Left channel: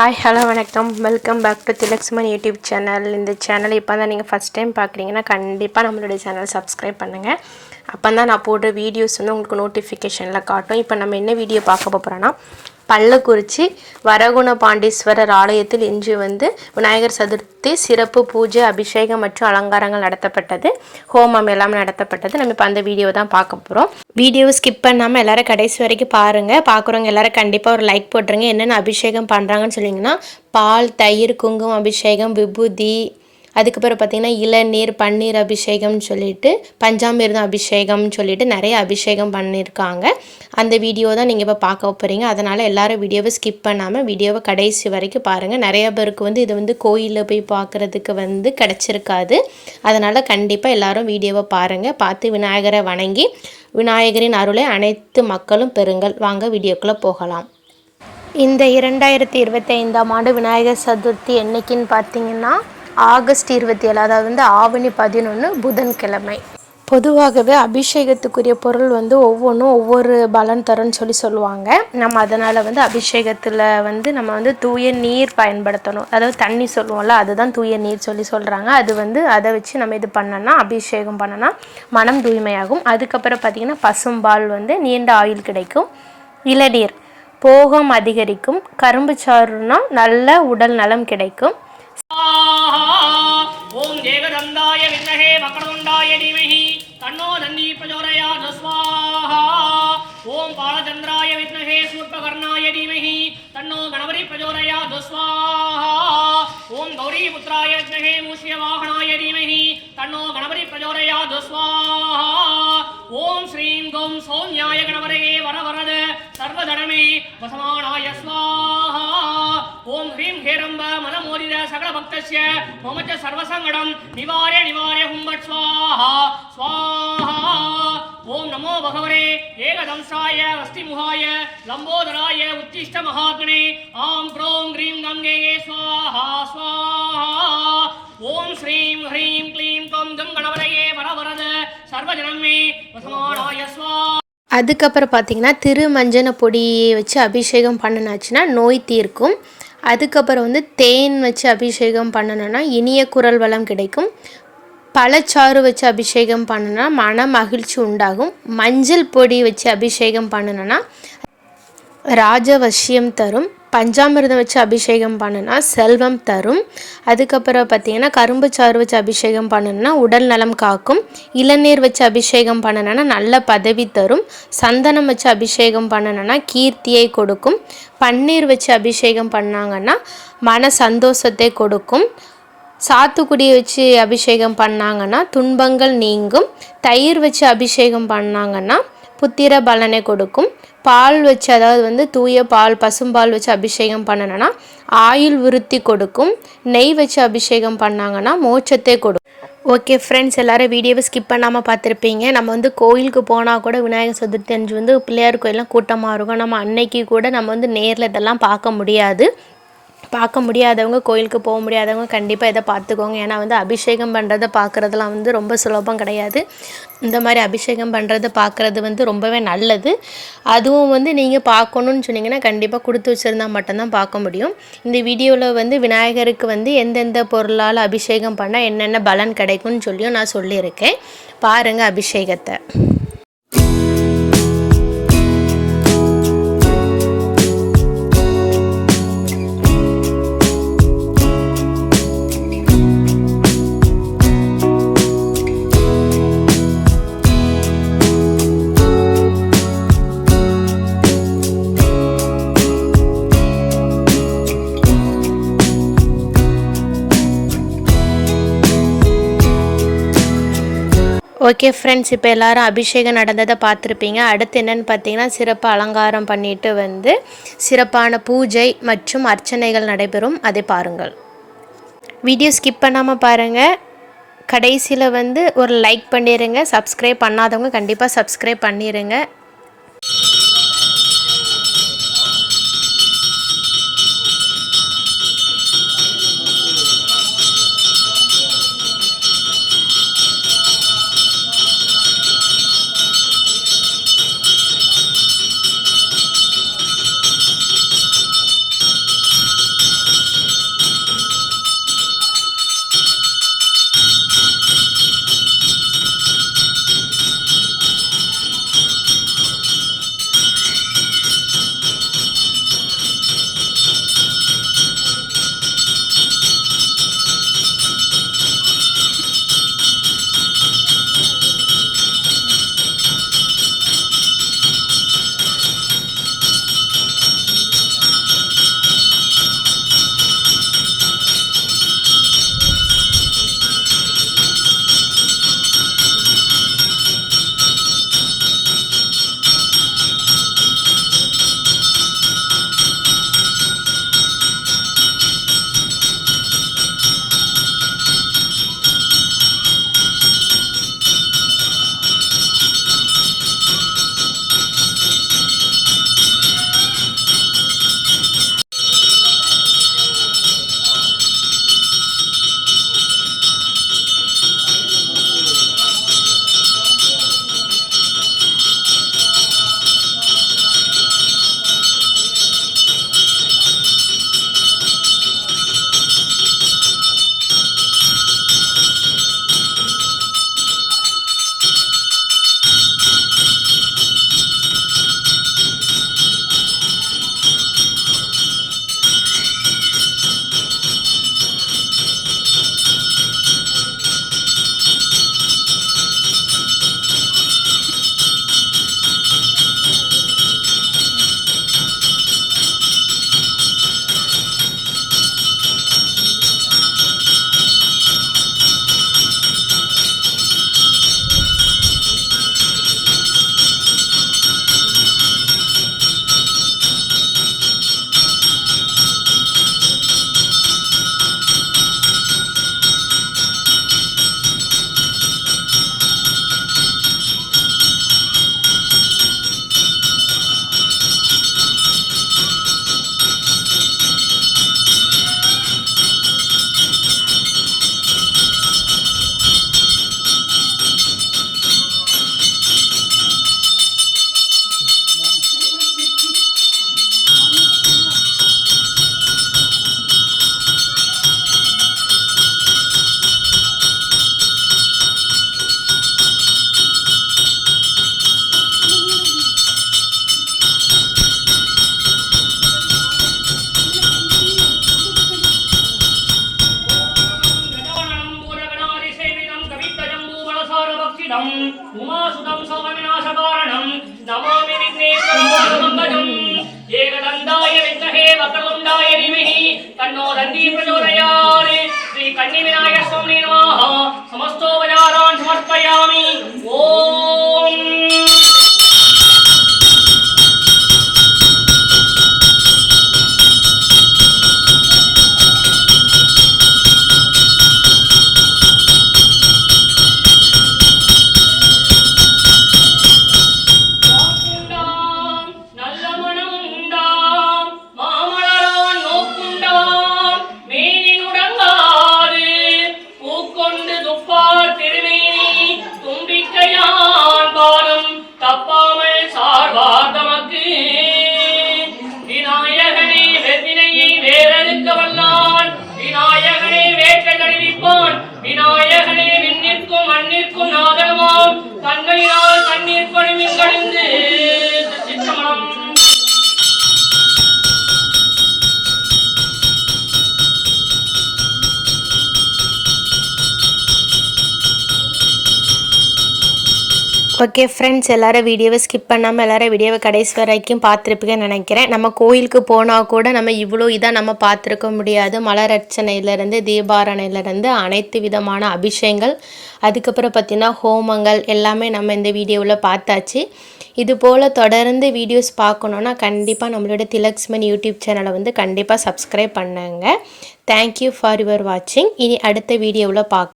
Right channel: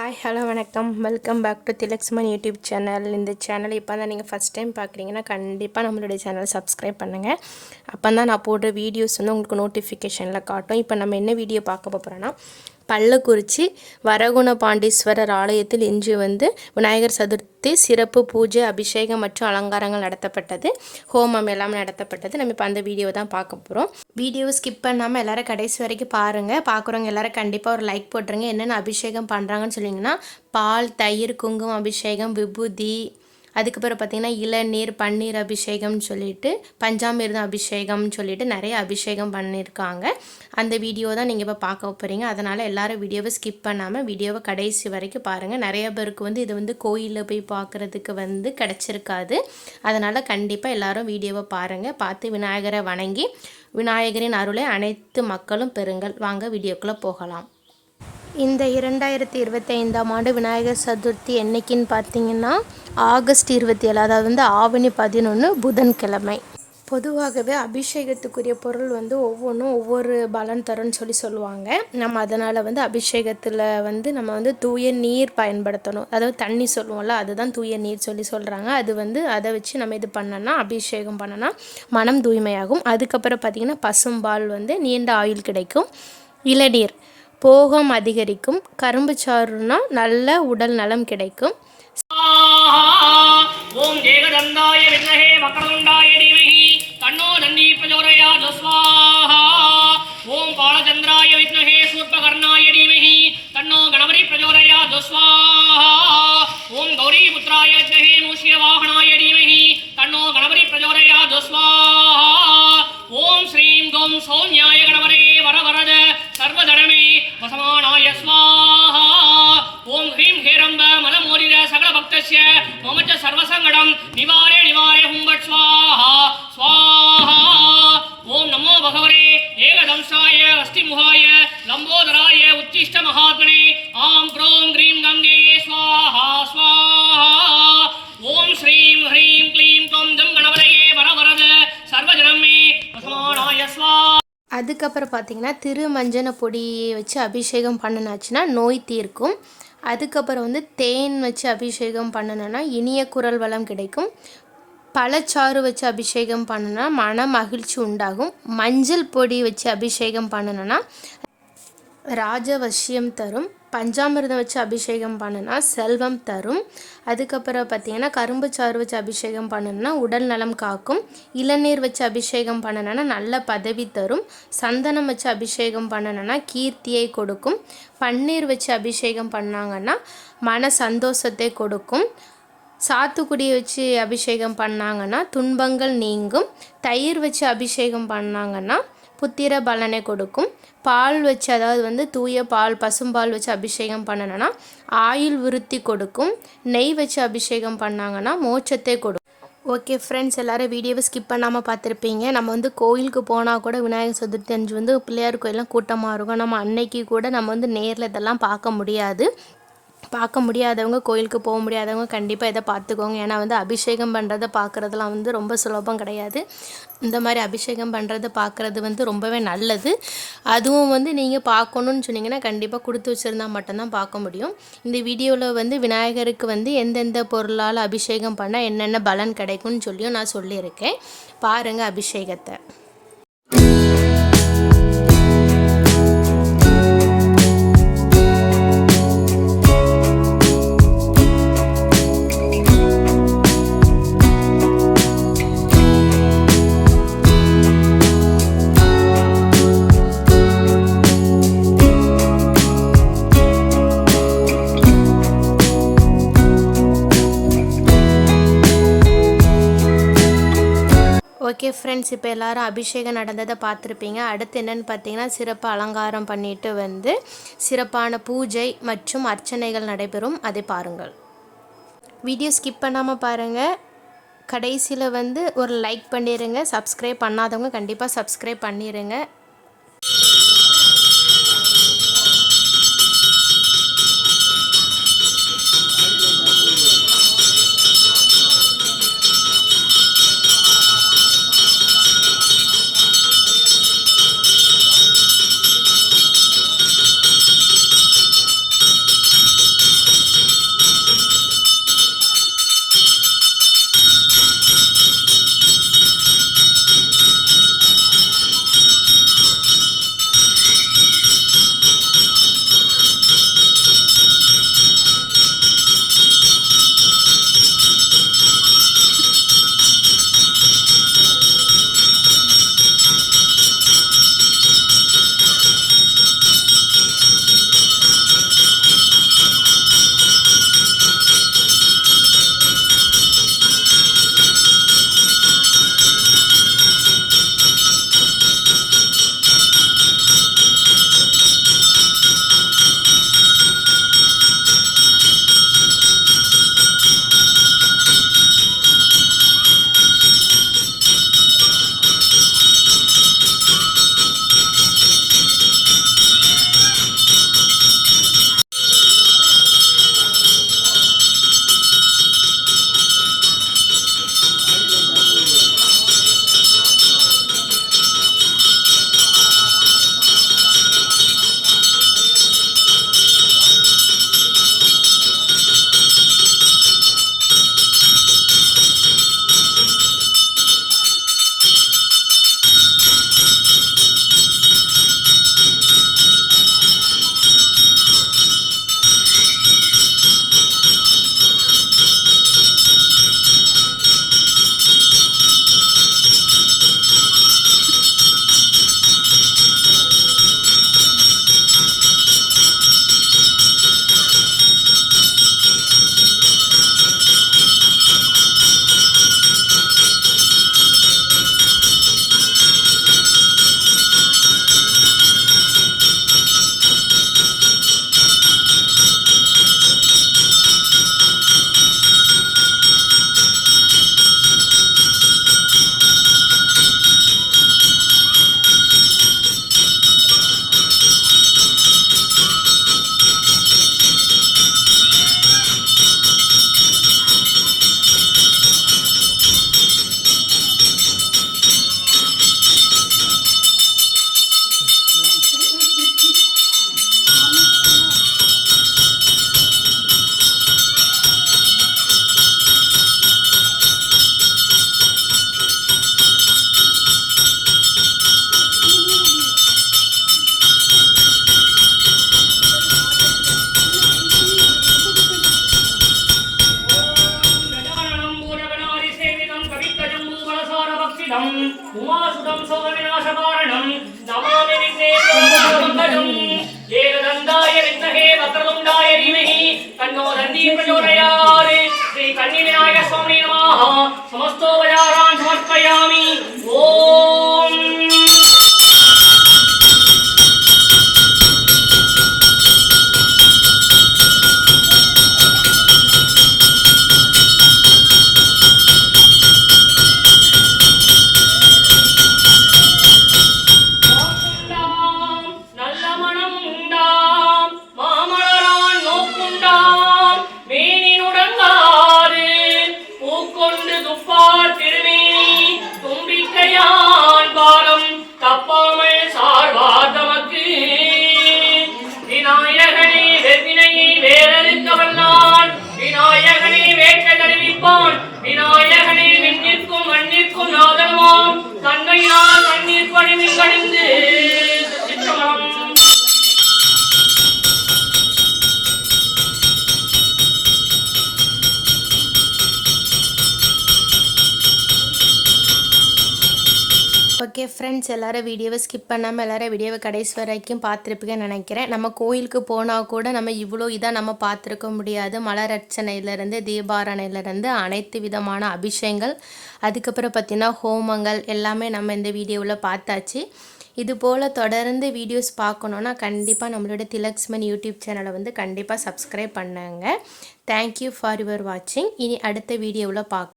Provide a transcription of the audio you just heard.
Hi hello வணக்கம் welcome back to Thilakshman YouTube channel. இந்த channel இப்போ தான் நீங்கள் ஃபஸ்ட் டைம் பார்க்குறீங்கன்னா கண்டிப்பாக நம்மளுடைய சேனல் சப்ஸ்கிரைப் பண்ணுங்கள். அப்போ தான் நான் போடுற வீடியோஸ் வந்து உங்களுக்கு நோட்டிஃபிகேஷனில் காட்டும். இப்போ நம்ம என்ன வீடியோ பார்க்க போகிறோன்னா, பள்ளக்குறிச்சி வரகுண பாண்டீஸ்வரர் ஆலயத்தில் இன்று வந்து விநாயகர் சதுர்த்தி சிறப்பு பூஜை, அபிஷேகம் மற்றும் அலங்காரங்கள் நடத்தப்பட்டது. ஹோமம் எல்லாம் நடத்தப்பட்டது. நம்ம இப்போ அந்த வீடியோ தான் பார்க்க போகிறோம். வீடியோவை ஸ்கிப் பண்ணாமல் எல்லோரும் கடைசி வரைக்கும் பாருங்கள். பார்க்குறவங்க எல்லோரும் கண்டிப்பாக ஒரு லைக் போட்டுருங்க. என்னென்ன அபிஷேகம் பண்ணுறாங்கன்னு சொல்லிங்கன்னா, பால், தயிர், குங்குமம் அபிஷேகம், விபூதி, அதுக்கப்புறம் பார்த்திங்கன்னா இளநீர், பன்னீர் அபிஷேகம்னு சொல்லிட்டு, பஞ்சாமிர்தம் அபிஷேகம்னு சொல்லிட்டு நிறைய அபிஷேகம் பண்ணியிருக்காங்க. அந்த வீடியோ தான் நீங்கள் இப்போ பார்க்க போகிறீங்க. அதனால் எல்லோரும் வீடியோவை ஸ்கிப் பண்ணாமல் வீடியோவை கடைசி வரைக்கும் பாருங்கள். நிறைய பேருக்கு வந்து இது வந்து கோயிலில் போய் பார்க்குறதுக்கு வந்து கிடச்சிருக்காது. அதனால் கண்டிப்பாக எல்லோரும் வீடியோவை பாருங்கள். பார்த்து விநாயகரை வணங்கி விநாயகரின் அருளை அனைத்து மக்களும் பெறுங்கள். வாங்க வீடியோக்குள்ளே போகலாம். இந்த 2025ஆம் ஆண்டு விநாயகர் சதுர்த்தி என்றைக்குன்னு பார்த்தீங்கன்னா ஆகஸ்ட் 27, அதாவது வந்து ஆவணி 11 புதன்கிழமை. பொதுவாகவே அபிஷேகத்துக்குரிய பொருள் வந்து ஒவ்வொன்றும் ஒவ்வொரு பலன் தரும்னு சொல்லுவாங்க. நம்ம அதனால் வந்து அபிஷேகத்தில் வந்து நம்ம வந்து தூய நீர் பயன்படுத்தணும். அதாவது தண்ணி சொல்லுவோம்ல, அதுதான் தூய நீர் சொல்கிறாங்க. அது வந்து அதை வச்சு நம்ம இது பண்ணோன்னா, அபிஷேகம் பண்ணோன்னா மனம் தூய்மையாகும். அதுக்கப்புறம் பார்த்திங்கன்னா பசும்பால் வந்து நீண்ட ஆயுள் கிடைக்கும். இளநீர் போகம் அதிகரிக்கும். கரும்பு சாறுனா நல்ல உடல் நலம் கிடைக்கும். ஓம் ஏகதந்தாய வித்மஹே வக்ரதுண்டாய தீமஹி தன்னோ தந்தி பிரச்சோதயாத் ஸ்வாஹா. ஓம் பாலச்சந்திராய வித்மஹே சூர்பகர்ணாய தீமஹி தன்னோ கணபதி பிரச்சோதயாத் ஸ்வாஹா. ஓம் கௌரிபுத்ராய வித்மஹே மூஷிகவாஹனாய தீமஹி தன்னோ கணபதி பிரச்சோதயாத் ஸ்வாஹா. ஓம் ஸ்ரீம் கம் சௌம்யாய கணபதே வரவரத சர்வதனமே வசமானாய ஸ்வாஹா. ஓம் ஹ்ரீம் ஹேரம்ப மலமோதிர சகல பக்தஸ்ய மமச்ச சர்வசங்கடம் நிவாரே நிவாரே ஹும்பட் ஸ்வாஹா ஸ்வாஹா. ஓம் நமோ பகவரே ஏகதம்சாய அஸ்திமுகாய லம்போதராய உச்சிஷ்ட மகாத்மனே ஆம் க்ரோம் க்ரீம் கங்கே ஸ்வாஹா ஸ்வாஹா. ஓம் ஸ்ரீம் ஹ்ரீம் க்ளீம் கம் ஜம் கணபதயே வரவரத சர்வஜனமே வசமானாய ஸ்வாஹா. அதுக்கப்புறம் பார்த்திங்கன்னா திருமஞ்சன பொடியை வச்சு அபிஷேகம் பண்ணினாச்சுன்னா நோய் தீர்க்கும். அதுக்கப்புறம் வந்து தேன் வச்சு அபிஷேகம் பண்ணணுன்னா இனிய குரல் வளம் கிடைக்கும். பழச்சாறு வச்சு அபிஷேகம் பண்ணணுன்னா மன மகிழ்ச்சி உண்டாகும். மஞ்சள் பொடி வச்சு அபிஷேகம் பண்ணணுன்னா ராஜவசியம் தரும். பஞ்சாமிர்தம் வச்சு அபிஷேகம் பண்ணுனா செல்வம் தரும். அதுக்கப்புறம் பார்த்திங்கன்னா கரும்பு சாறு வச்சு அபிஷேகம் பண்ணணுன்னா உடல் நலம் காக்கும். இளநீர் வச்சு அபிஷேகம் பண்ணணுன்னா நல்ல பதவி தரும். சந்தனம் வச்சு அபிஷேகம் பண்ணணுன்னா கீர்த்தியை கொடுக்கும். பன்னீர் வச்சு அபிஷேகம் பண்ணாங்கன்னா மன சந்தோஷத்தை கொடுக்கும். சாத்துக்குடியை வச்சு அபிஷேகம் பண்ணாங்கன்னா துன்பங்கள் நீங்கும். தயிர் வச்சு அபிஷேகம் பண்ணாங்கன்னா புத்திர பலனை கொடுக்கும். பால் வச்சு, அதாவது வந்து தூய பால், பசும்பால் வச்சு அபிஷேகம் பண்ணணுன்னா ஆயுள் விருத்தி கொடுக்கும். நெய் வச்சு அபிஷேகம் பண்ணாங்கன்னா மோட்சத்தை கொடுக்கும். ஓகே ஃப்ரெண்ட்ஸ், எல்லோரும் வீடியோவை ஸ்கிப் பண்ணாமல் பார்த்துருப்பீங்க. நம்ம வந்து கோயிலுக்கு போனால் கூட விநாயகர் சதுர்த்தி அன்று வந்து பிள்ளையார் கோயிலெலாம் கூட்டமாக இருக்கும். நம்ம அன்னைக்கு கூட நம்ம வந்து நேரில் இதெல்லாம் பார்க்க முடியாதவங்க, கோயிலுக்கு போக முடியாதவங்க கண்டிப்பாக இதை பார்த்துக்கோங்க. ஏன்னா வந்து அபிஷேகம் பண்ணுறதை பார்க்குறதுலாம் வந்து ரொம்ப சுலபம் கிடையாது. இந்த மாதிரி அபிஷேகம் பண்ணுறதை பார்க்குறது வந்து ரொம்பவே நல்லது. அதுவும் வந்து நீங்கள் பார்க்கணுன்னு சொன்னீங்கன்னா கண்டிப்பாக கொடுத்து வச்சுருந்தா மட்டும்தான் பார்க்க முடியும். இந்த வீடியோவில் வந்து விநாயகருக்கு வந்து எந்தெந்த பொருளால் அபிஷேகம் பண்ணால் என்னென்ன பலன் கிடைக்கும்னு சொல்லியும் நான் சொல்லியிருக்கேன். பாருங்கள் அபிஷேகத்தை. ஓகே ஃப்ரெண்ட்ஸ், இப்போ எல்லோரும் அபிஷேகம் நடந்ததை பார்த்துருப்பீங்க. அடுத்து என்னென்னு பார்த்தீங்கன்னா சிறப்பு அலங்காரம் பண்ணிவிட்டு வந்து சிறப்பான பூஜை மற்றும் அர்ச்சனைகள் நடைபெறும். அதை பாருங்கள். வீடியோ ஸ்கிப் பண்ணாமல் பாருங்கள். கடைசியில் வந்து ஒரு லைக் பண்ணிடுங்க. சப்ஸ்கிரைப் பண்ணாதவங்க கண்டிப்பாக சப்ஸ்கிரைப் பண்ணிடுங்க. உமாசுதம் சோகவிநாசகாரணம் நமாமி விக்னேஸ்வரம் ஏகதந்தாய வித்மஹே வக்ரதுண்டாய தீமஹி தன்னோ தந்தி பிரச்சோதயாத் ஸ்ரீ கன்னி விநாயக சுவாமி நமः சமஸ்தோபச்சாரான் சமர்ப்பயாமி ஓம் விநாயகனே விண்ணிற்கும் மண்ணிற்கும் நாதமாம் தன்மையினால் கண்ணீர் பணிவில் கழிந்து சிற்றமலம் ஓகே ஃப்ரெண்ட்ஸ், எல்லோரும் வீடியோவை ஸ்கிப் பண்ணாமல் எல்லோரும் வீடியோவை கடைசி வரைக்கும் பார்த்துருப்பீங்கன்னு நினைக்கிறேன். நம்ம கோயிலுக்கு போனால் கூட நம்ம இவ்வளோ இதாக நம்ம பார்த்துருக்க முடியாது. மலர் அர்ச்சனையிலேருந்து தீபாரணையிலேருந்து அனைத்து விதமான அபிஷேகங்கள், அதுக்கப்புறம் பார்த்திங்கன்னா ஹோமங்கள் எல்லாமே நம்ம இந்த வீடியோவில் பார்த்தாச்சு. இது போல் தொடர்ந்து வீடியோஸ் பார்க்கணுன்னா கண்டிப்பாக நம்மளோட திலக்ஸ்மன் யூடியூப் சேனலை வந்து கண்டிப்பாக சப்ஸ்கிரைப் பண்ணுங்க. தேங்க்யூ ஃபார் யுவர் வாட்சிங். இனி அடுத்த வீடியோவில் பார்க்க